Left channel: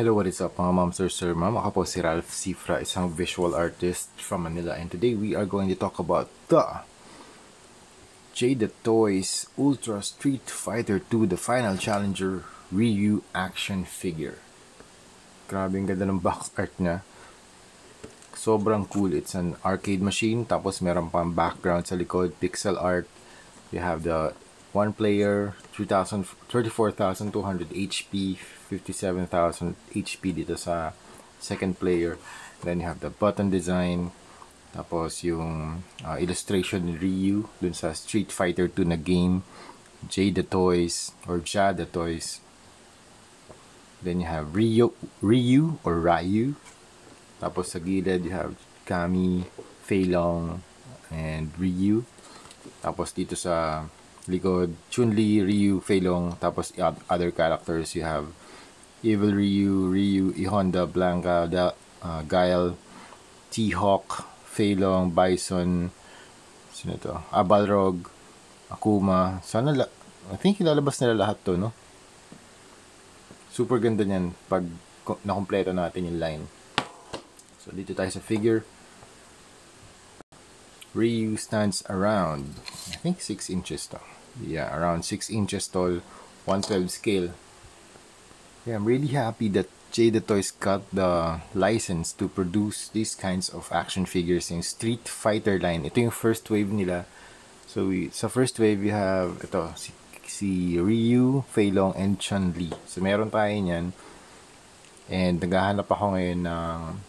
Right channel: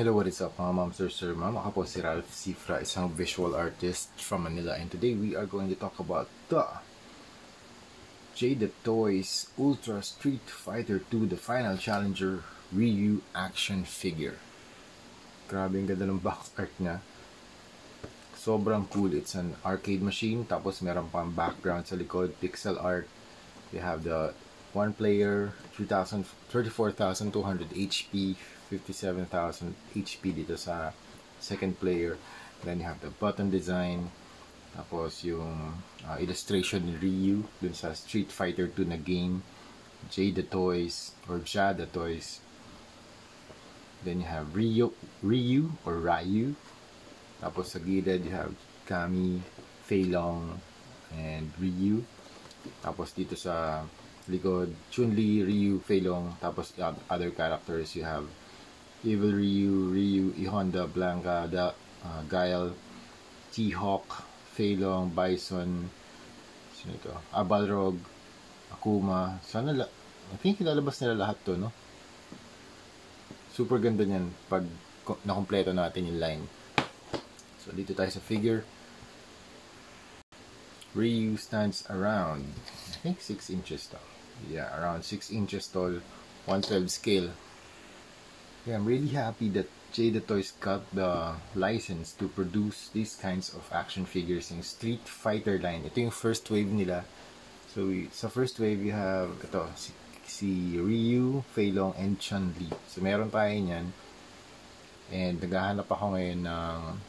Hello, what is up mga ma'am, sir, ma'am? Ako po si Ralph Cifra, isang visual artist from Manila, and today we are going to talk about the Jade Toys Ultra Street Fighter 2 The Final Challenger Ryu action figure. Grabe ang ganda ng box art niya. Sobrang cool. It's an arcade machine, tapos meron pang background sa likod, pixel art. You have the one player, 34,200 HP, 57,000 HP dito sa second player. Then you have the button design, tapos yung illustration ni Ryu dun sa Street Fighter 2 na game, Jade Toys or Jade Toys. Then you have Ryu or Ryu. Tapos sa gilid you have Kami, Fei Long, and Ryu. Tapos dito sa likod, Chun-Li, Ryu, Fei Long. Tapos other characters, you have Evil Ryu, E-Honda, Blanca, Guile, T-Hawk, Fei Long, Bison, sino to? Balrog, Akuma. I think ilalabas nila lahat to, no? Super ganda niyan pag nakompleto natin yung line. So dito tayo sa figure. Ryu stands around, I think 6 inches tall. Yeah, around 6 inches tall, 1/12 scale. Yeah, I'm really happy that Jade Toys got the license to produce these kinds of action figures in Street Fighter line. Ito yung first wave nila. So sa first wave we have ito si Ryu, Fei Long, and Chun-Li. So meron tayo niyan. And naghahanap ako ngayon ng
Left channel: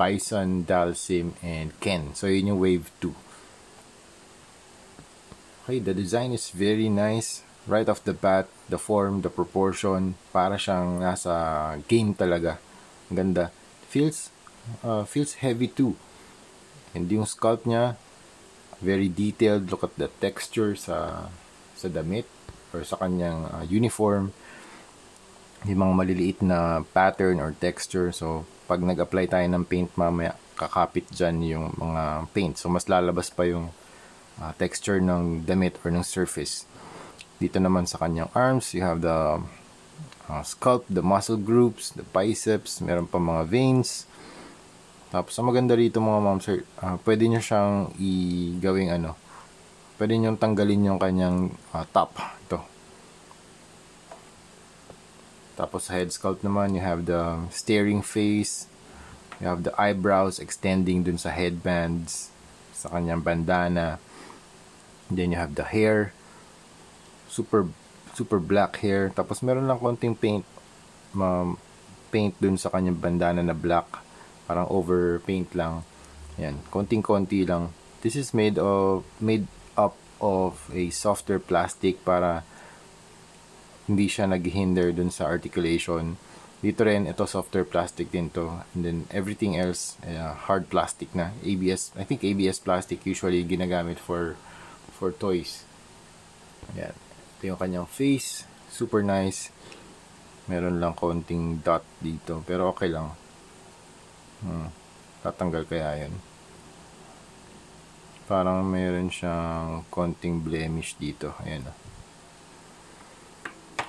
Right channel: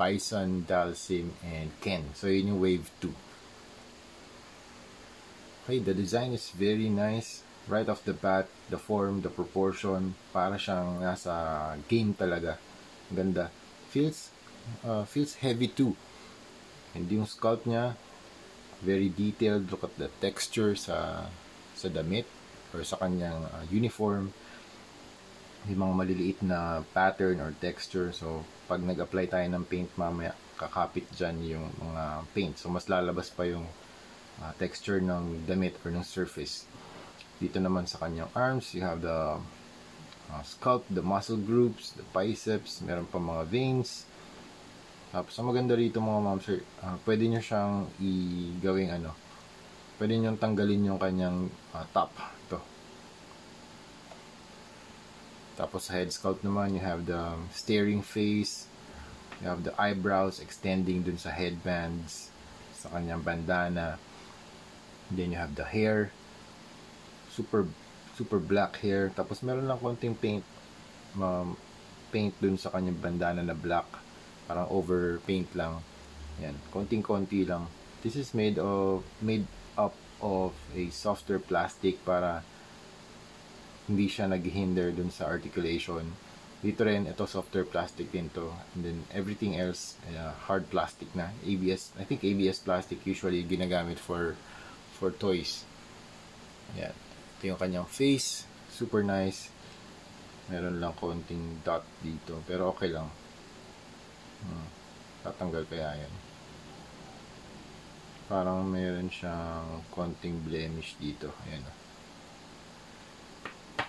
Bison, Dalsim, and Ken. So yun yung wave 2. Okay, the design is very nice. Right off the bat, the form, the proportion, para siyang nasa game talaga. Ang ganda. Feels heavy too. And yung sculpt niya, very detailed. Look at the texture sa damit or sa kanyang uniform. Yung mga maliliit na pattern or texture. So, pag nag-apply tayo ng paint mamaya, kakapit dyan yung mga paint. So, mas lalabas pa yung texture ng damit or ng surface. Dito naman sa kanyang arms, you have the sculpt, the muscle groups, the biceps, meron pa mga veins. Tapos, ang maganda rito mga ma'am sir, pwede nyo siyang gawing pwede nyo tanggalin yung kanyang top. Ito. Tapos sa head sculpt naman, you have the staring face, you have the eyebrows extending dun sa headbands, sa kanyang bandana. And then you have the hair, super black hair. Tapos meron lang konting paint dun sa kanyang bandana na black, parang over paint lang. Yan, konting-konti lang. This is made up of a softer plastic para hindi siya naghihinder dun sa articulation. Dito rin, ito softer plastic din to. And then everything else, hard plastic na. ABS, I think ABS plastic usually ginagamit for toys. Yan. Ito yung kanyang face. Super nice. Meron lang konting dot dito. Pero okay lang. Tatanggal kaya yun. Parang meron siyang konting blemish dito. Ayan.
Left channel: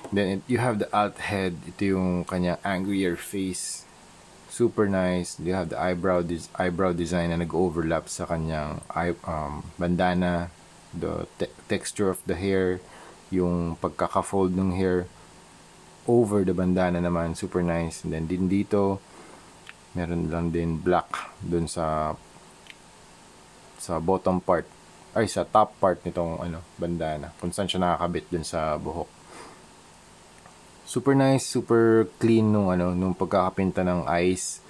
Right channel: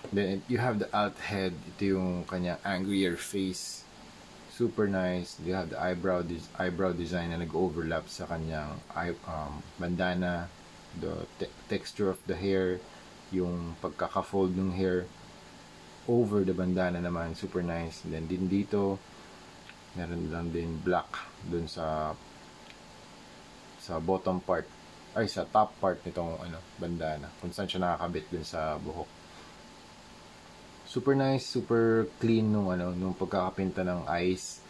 Then you have the alt head. Ito yung kanyang angrier face. Super nice. You have the eyebrow design na nag-overlap sa kanyang bandana. The texture of the hair, yung pagkaka-fold ng hair over the bandana naman, super nice. And then din dito, meron lang din black dun sa bottom part, sa top part nitong bandana, kung saan siya nakakabit dun sa buhok. Super nice, super clean nung pagkakapinta ng eyes.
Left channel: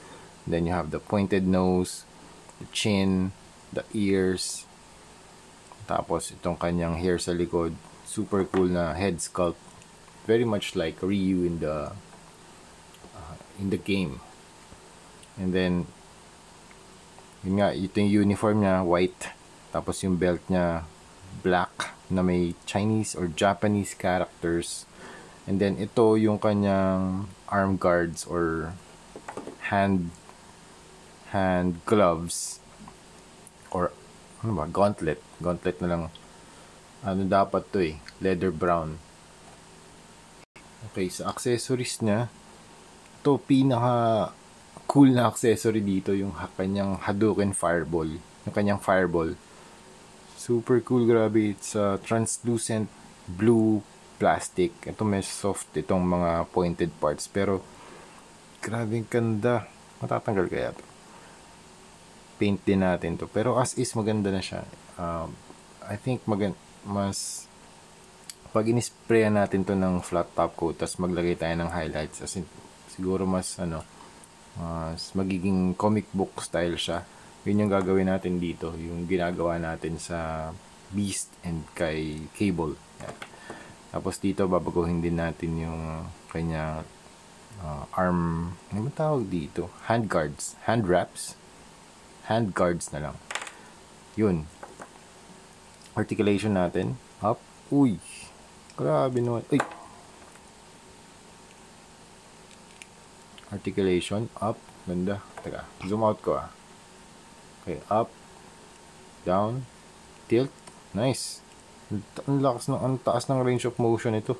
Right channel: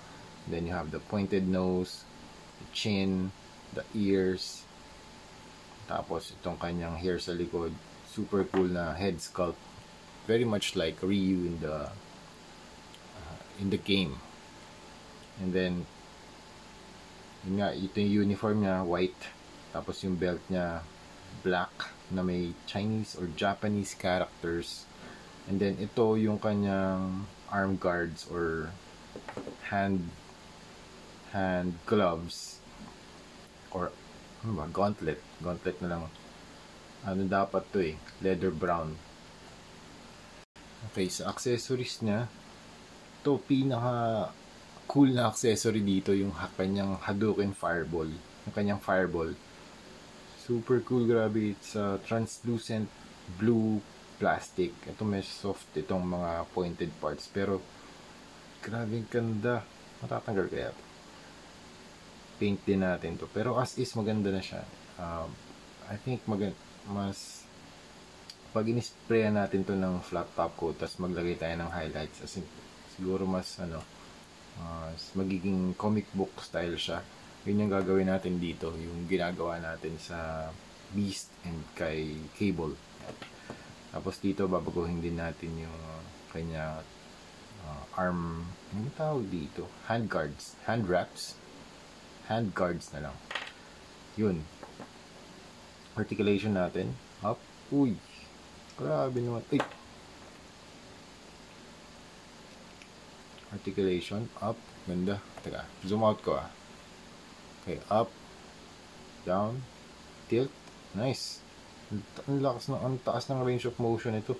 Then you have the pointed nose, the chin, the ears. Tapos itong kanyang hair sa likod, super cool na head sculpt, very much like Ryu in the game. And then yun nga, ito yung uniform niya, white, tapos yung belt niya black na may Chinese or Japanese characters. And then ito yung kanyang arm guards or hand gloves or gauntlet na lang. Dapat to leather brown. Okay, sa accessories niya, to pinaka cool na accessory dito, yung kanyang Hadouken Fireball. Yung kanyang Fireball. Super cool, grabe. It's translucent blue plastic. Ito may soft itong mga pointed parts. Pero, grabe ganda. Matatanggal kaya? Paint din natin to. Pero as is, maganda na siya. I think mas pag in-sprayan natin to ng flat top coat, tapos maglagay tayo ng highlights, as in, siguro mas magiging comic book style siya. Yun yung gagawin natin dito, yung ginagawa natin sa Beast and kay Cable. Yan. Tapos dito babaguhin din natin yung kanya arm, ano ba tawag dito? Hand guards, hand wraps, hand guards na lang. Yun. Articulation natin up. Uy, grabe naman. Ay, articulation up. Ganda. Teka, zoom out ko Okay, up, down, tilt. Nice. Ang lakas ng, ang taas ng range of motion ito.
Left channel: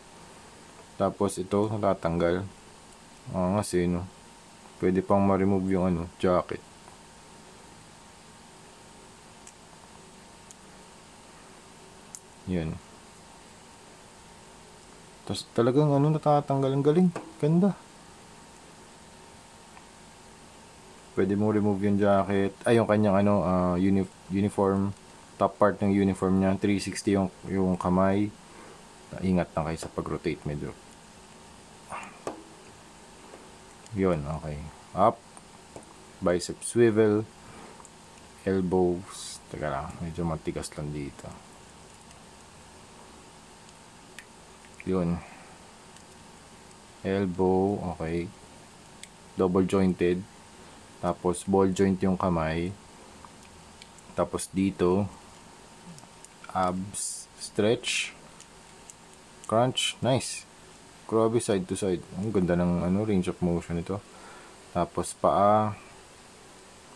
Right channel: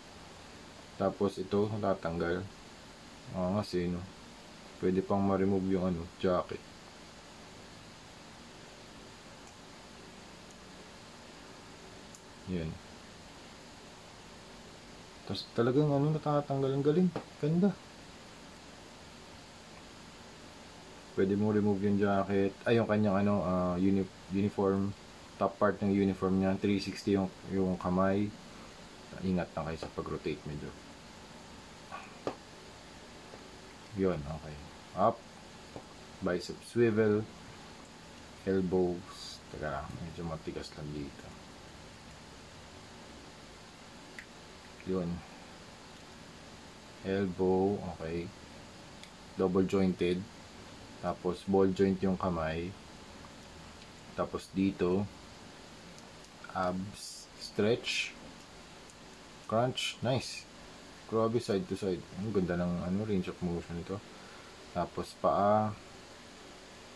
Tapos ito natatanggal. Kasi no, pwede pang ma-remove yung jacket. Yun. Tapos talagang natatanggal. Ang galing. Ganda. Pwede mong remove yung jacket. Ay, yung kanyang uniform. Top part ng uniform niya. 360 yung kamay. Ingat lang kayo sa pag-rotate medyo. Yun, okay. Up. Bicep swivel. Elbows. Teka lang. Medyo matigas lang dito. Yun. Elbow, okay. Double jointed. Tapos ball joint yung kamay. Tapos dito abs, stretch, crunch, nice. Grabe, side to side. Ang ganda ng range of motion ito. Tapos paa.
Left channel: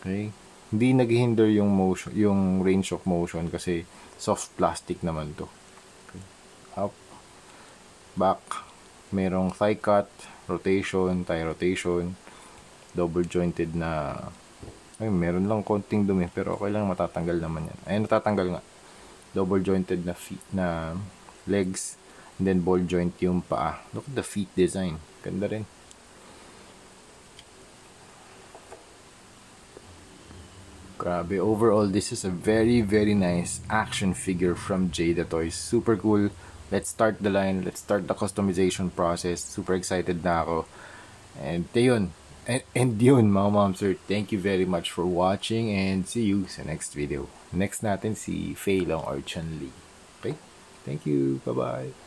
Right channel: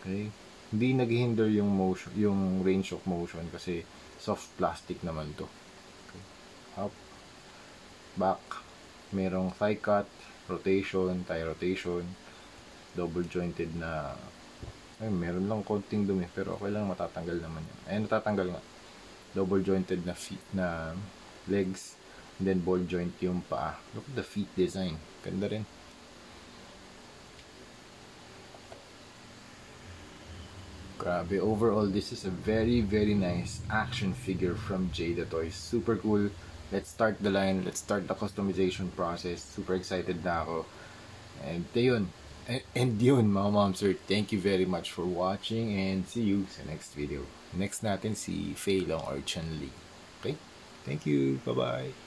Okay. Hindi naghihinder yung motion, yung range of motion kasi soft plastic naman to. Okay. Up. Back, merong thigh cut, rotation, thigh rotation, double jointed na, meron lang konting dumi pero okay lang, matatanggal naman yan. Ayun, natatanggal nga. Double jointed na feet, na legs, and then ball joint yung paa. Look at the feet design, ganda rin. Grabe, overall this is a very very nice action figure from Jada Toys. Super cool. Let's start the line. Let's start the customization process. Super excited na ako. And yun. And yun, mga momsir. Thank you very much for watching. And see you sa next video. Next natin si Fei Long or Chun Li. Okay? Thank you. Bye-bye.